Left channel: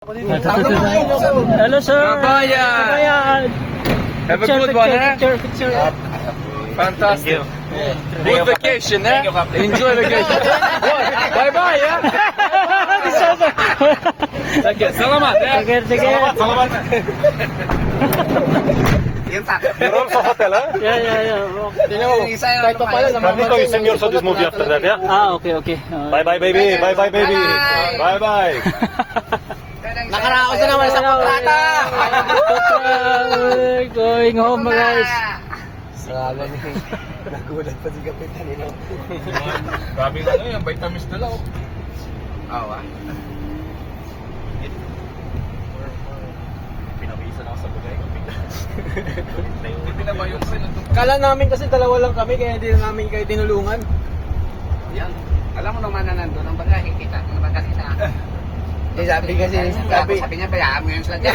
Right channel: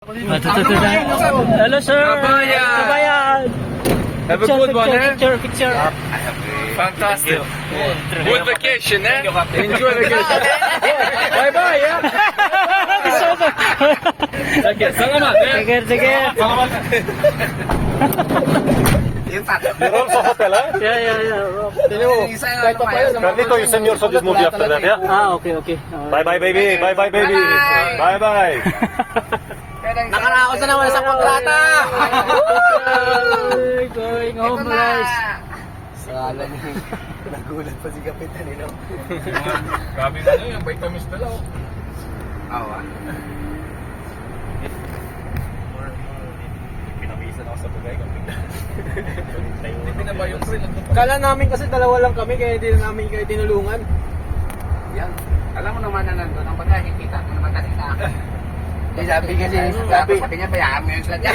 Hello, sir. Kabayan. Have a good one, eh? Picture. Fantastic. Good vacation, eh? Enjoy vacation. Bye-bye, yeah? Sige, salamat. Sige. You're also hotel, huh? Yeah. Kahit pa pala, nandito yung senior for this movie after that, yeah? Okay. Bye-bye, baby. Bye-bye, baby. Bye-bye. Nakaraos na naman sa kontrata. Going home, guys. Nagulat pa si Kapitan nila. Grabe na yung vitamins nila. Awa. Pinabisan ako sa bugay. Kala namin kasi dalawa lang kami kaya hindi na namin kayo tinulungan. Yan. Alam mo naman na nandun, ang baga nakikita mo naman kasi sa akin. Sabi niya, bayaan mo yun sila dyan.